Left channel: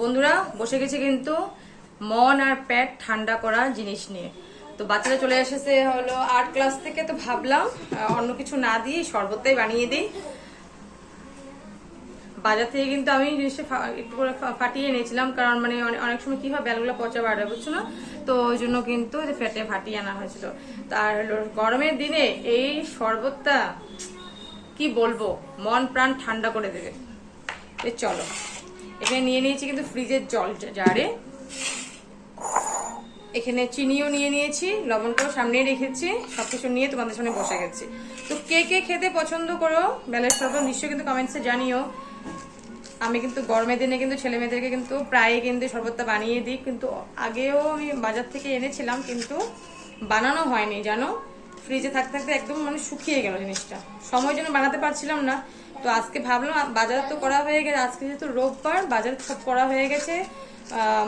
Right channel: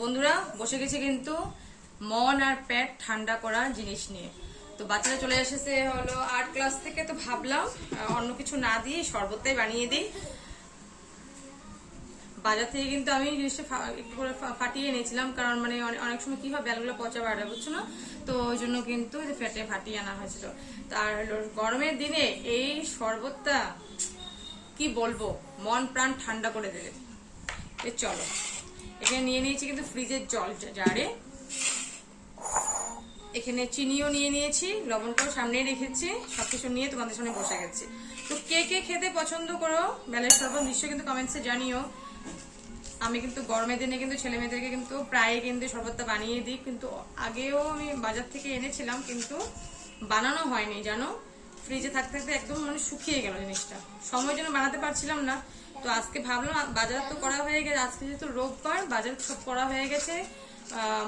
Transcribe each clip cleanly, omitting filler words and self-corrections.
বন্ধুরা বসে গেছে কিন্তু মন আর পেট ঠান্ডা করা জিনিস নিয়ে। তো বাচ্চারা চলে এসেছে হলো 8 ক্লাস থেকে, তো ভাবলাম অন্য কিছু না দিয়ে শরবতটাই বানিয়ে দিই। বাজার থেকে কিন্তু আমি জিনিসটা একটু করে ফাটিয়ে এনেছিলাম, কারণ মানে অনেক সময় কি হয় বেলগুলো পচা বাড়ে, বুঝছো না? তো ওই জন্য কিন্তু ফেটে ফাটিয়ে আনা হয়েছিল। তার গরমের দিনে এই শরবতটা কি বলবো, মন প্রাণ ঠান্ডা করে দেবে। চলো, এখানে নিয়ে নিয়েছি কিন্তু ফ্রিজের জল জারে, এখানে চিনিও নিয়ে নিয়েছি, লবণটাও সামনে রেখেছি, সবকিছু নিয়ে তোমাদের সামনে বসে গেছি। তো কে কে খেতে পছন্দ করো বেলের শরবত নিশ্চয়ই কিন্তু কমেন্টসে জানিও। আমি কিন্তু গরমের দিনে কিন্তু ছেলে মেয়েদেরকে কিন্তু প্রায় কিন্তু শরবতটা বানিয়ে দিই, কিন্তু আগেও আমি বাজার থেকে এনেছিলাম কিন্তু বানানো হয়নি জানো। ফ্রিজে থাকতে থাকতে একদম মানে শুকিয়ে গেল জিনিসটা, সময়ের জন্য বানাতে পারছিলাম না। তো আজকে ভাবলাম বাজার তো করা হয়ে গেছে, আজকে যেহেতু রোববার বাজার সব করা হয়ে গেছে,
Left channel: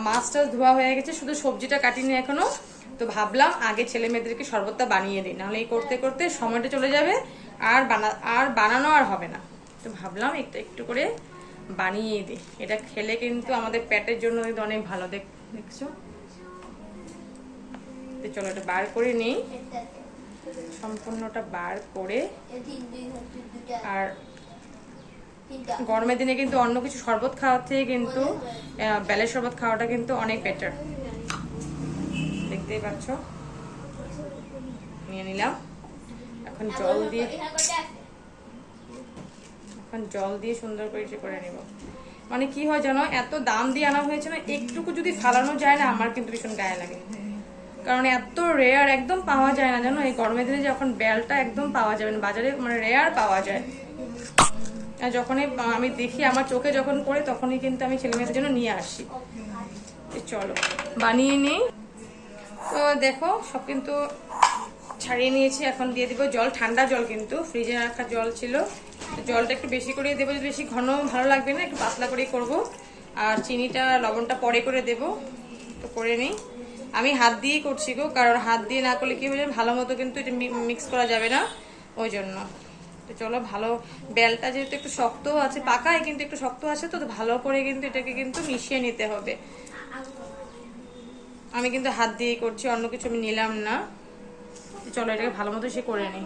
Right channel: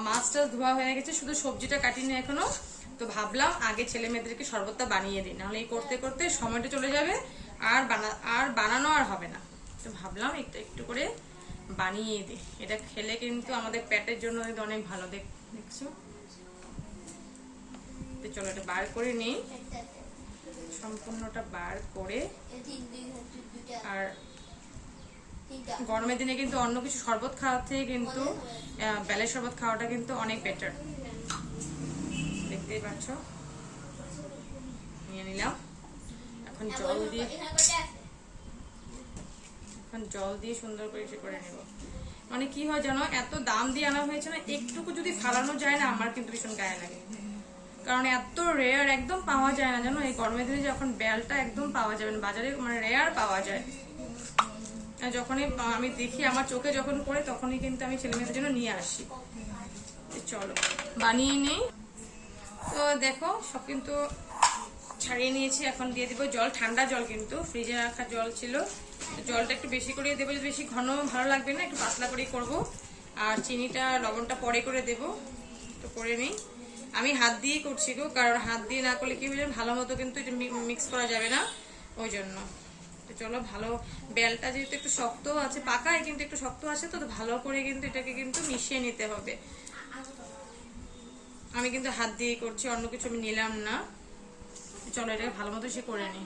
মাছটা ধোয়া হয়ে গেছে, শুধু সবজিটা কাটিনি এখনো। তো ভাবলাম আগে ছেলে মেয়েদেরকে শরবতটা বানিয়ে দিই, নাহলে এই করতে করতে সময়টা চলে যাবে, আর বানানো আর হবে না। তো ভাবলাম একটু একটু করে বানিয়ে দিই, এটা খেলে কিন্তু আমাদের পেটের জন্য অনেক ভালো। দেখছো, চলো এটা বার করে নিই, সম্পূর্ণটা বার করে। আর গরমের দিনে কিন্তু অন্য কিছু শরবত খাওয়ার থেকে কিন্তু বেলের শরবত খাওয়াটা কিন্তু অনেক বেটার। দেখতেই পাচ্ছ, নিয়ে নিলাম। এখন জল দিয়ে সুন্দর করে নেব। মানে কি হয় জানো, এত দাম দিয়ে আনা হয়েছে না, একটুকু যদি ফালানো যায় না আমার কিন্তু ভীষণ গায়ে লাগে, কারণ এত রেয়ার একদম পাওয়া যায় না জানো। এই গরমের দিনে যখন বেলটা একদম পাওয়া যাবে না বাজারে, মানে রেয়ার পাওয়া যায়। যখনই আমি দেখি আমার চোখে যখন পড়ে তখনই কিন্তু আমি ছেলে মেয়েদের জন্য নিয়ে আসি। চলো বানিয়ে নিই। তো দেখো সব কিন্তু ছাড়িয়ে নিয়েছি, এখন দিয়ে দিব জল, ঠান্ডা জল, কিন্তু ফ্রিজে রাখা জল ছিল। জলটা একটু বেশি করে দেবো, বেশি ঘন ভালো লাগবে না, একটু পাতলা করেই করবো। আর চিনিটা লবণটা পরে করে দেবো, তো করে নিই। আমি হাত দিয়েই করছি গো, কারণ হাত দিয়ে না করলে কি হয়ে যাবে, ভালো মতো কিন্তু এটা মিক্স করা যাবে না, ওই জন্য। তো চলো, ভালো বেলটা যেহেতু একটু শক্ত আছে, পাকায় কিন্তু একটু শক্ত আছে, তো ভালো করে কিন্তু এটাকে কিন্তু মিশিয়ে নিতে হবে। আমি কিন্তু হাত দিয়েই করছি, অন্য কিছু আমি নিলাম না। চলো এটাকে ভালো মতো সে করে নিই।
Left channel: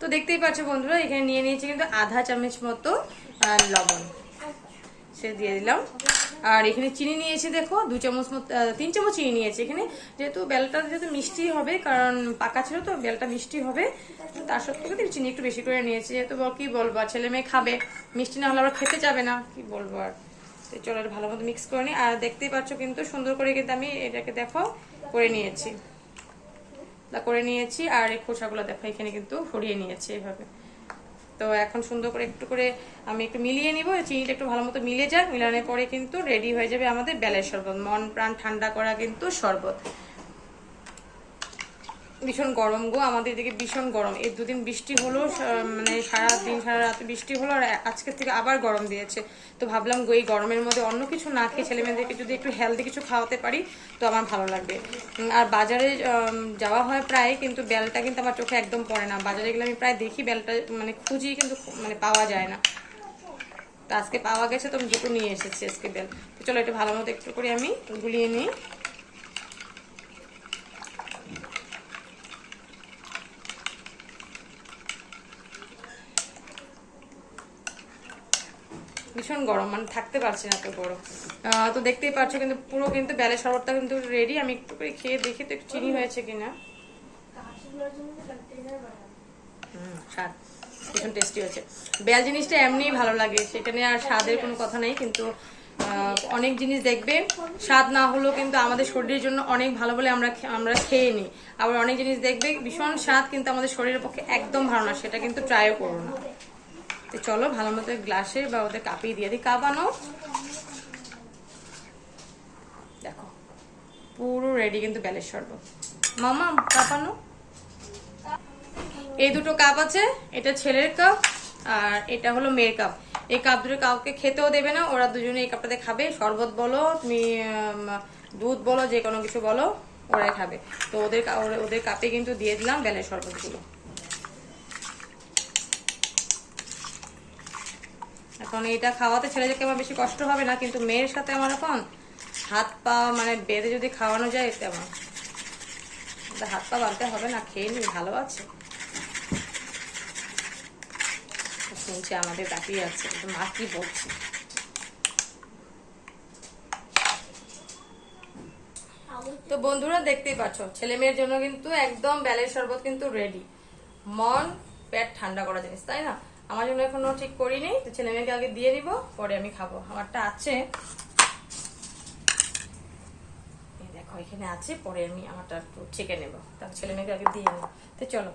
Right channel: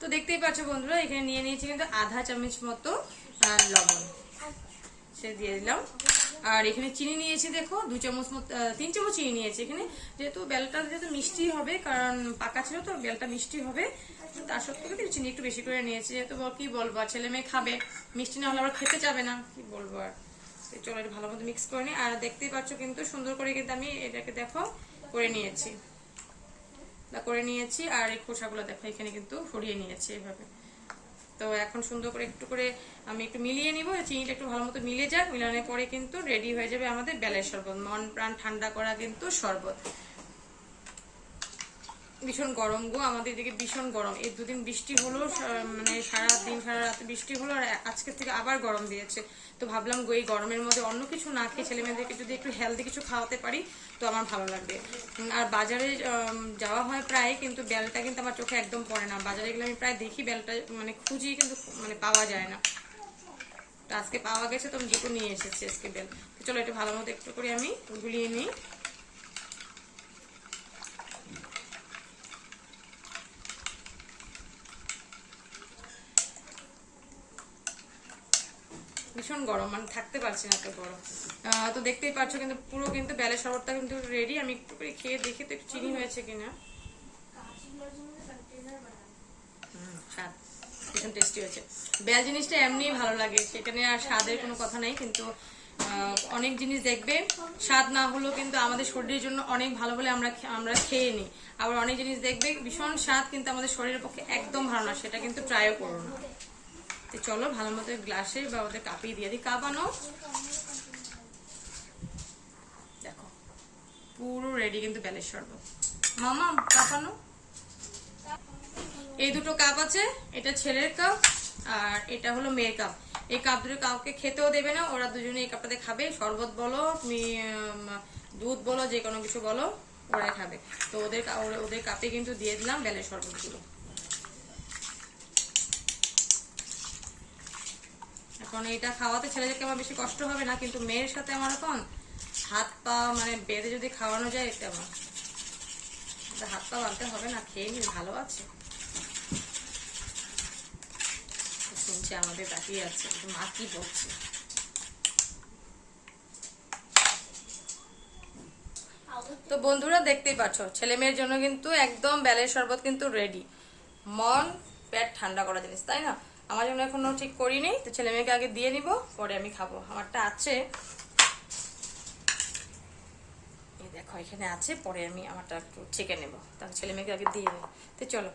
তো দেখতেই পাচ্ছ বন্ধুরা, এখানে নিয়ে নিয়েছি কিন্তু আধা চামচ মতো লবণ, সে দিয়ে দিলাম। আর এখানে চিনি নিয়েছি, দেখো 2 চামচ মতো, 3 চামচ চিনি নিয়েছি এখানে, যেহেতু বেলটা যেহেতু মিষ্টি হবে, কারণ পাকা ছিল তো বেলটা মিষ্টি হবে, তার সত্ত্বেও কিন্তু চিনি একটু বেশি করে নিয়েছি, যেহেতু কি বলবো ছেলে মেয়ে খাবে, মিষ্টি না হলে আবার খেতে যাবে না, কি বলবো আর। চলো এটা ভালো মতো মিক্স করে নিই। আর দেখতেই পাচ্ছ কিন্তু সুন্দর করে কিন্তু আমি এটাকে দেখো করে নিয়েছি, আর এই খোসাগুলো দেখো এখানে কিন্তু সরিয়ে নিয়েছি এইভাবে। তো এখন সুন্দর করে একটু করে আমি একটু মিলিয়ে নিব, চিনিটা একটু ভালো মতো মিলে যাক, মিলানোর পরে কিন্তু রেডি হয়ে যাবে আমাদের বেলের শরবত, মন প্রাণ ঠান্ডা করা কিন্তু শরবত। ভীষণ গরম গো, আমাদের দিকে ভীষণ গরম। এই 2 দিন বৃষ্টি হলো, মানে সারা দিন সারা রাতে বৃষ্টি হলো, আর আজকের থেকে আবার গরম দিয়েছে। তো ভাবলাম গো এই গরমের মধ্যে অন্য কিছু না খেয়ে ছেলে মেয়েদেরকে যদি একটু হেলদি কিছু খাওয়াতে পারি তো আমার ভালো লাগবে। আর বাজারে যাওয়া হয় প্রায়, কিন্তু বেলটা কিন্তু আমার চোখে একদম পড়ে না। বাজারে গেলে আমি প্রায় দেখি বেলটা, মানে খুঁজি কিন্তু মানে পাওয়া যায় না। তো আজকে পাওয়া গেছে, তো আমি 2টো নিয়ে এসেছি আজকে বেল। তো চলো একটু ভালো মতো একটু করে আমি গুলিয়ে নিই। ভীষণ গরম, মানে থাকতে পারছি না, এত গরম। তো দেখতেই পাচ্ছ কিন্তু পুরো কিন্তু বেলের শরবতটা কিন্তু রেডি। আমি একটু করে খেয়ে দেখি তো একটু চিনি হয়েছে কিনা। ভীষণ টেস্টি হয়েছে। বেল জিনিসটা এমনিই ভালো লাগে, সেখানে আর স্বাদের কোনো কথা নেই, কিন্তু অনেক জিনিস দেখবে স্বাদ না হলেও কিন্তু আমাদের শরীরের জন্য অনেক ভালো বলে আমরা খেয়ে নিই। আবার অনেক জিনিস দেখবে ভীষণ স্বাদ কিন্তু আমাদের শরীরের পক্ষে একদম ভালো না, সেটা কিন্তু ট্রাইও করো না। তো চলো ভালো মতো গ্লাসে বা ওদের কাপে দিয়ে দিই। কাপ আনো, দেখো পুরো রেডি কিন্তু বেলের শরবত। মামা কাপ আনো। এই 2টো কাপ আছে, এটা ছেলের কাপ আর এটা হলো মেয়ের কাপ। এই কাপ দুটো কাউকে খেতেও দেবে না, ওরা দুজনে এই কাপটাতে খাবে। শরবত বলো তুমি দুধ বলো, যে কোনো কিছু বলো, ওরাই খাবে। তো ওদের কাপে কিন্তু দিয়ে দিলাম বেলের শরবতগুলো। এখন এটা খাওয়াতে ছেলেদেরকে আমার বেশি কষ্ট হবে না, কিন্তু মেয়ের সাথে আমার এখন হাত পা মানে বেঁধে যদি খাওয়ানো যায় এটা আমার হাত পা বাঁধতে হবে না, খেয়ে নি, ভালো আছে। শুনছি আমাদের তাকিয়ে আছে, মা কি বলছে। তো বন্ধুরা দেখতেই পাচ্ছ ছেলে মেয়ের জন্য কিন্তু একদম বেলের শরবত কিন্তু রেডি। মন পেট ঠান্ডা করা জিনিস, তাই না? আমার জন্য এখনো ঠিক করিনি, তো ছেলে মেয়েকে আগে দিয়ে নিব, পরে আমি খাবো। আমারটা আছে, এই দেখো এখানে আছে, পরে আমি আমারটা একটু চেকে নেবো, তাহলে ছেলে মেয়েকে আগে দিয়ে নেবো। তো চলো।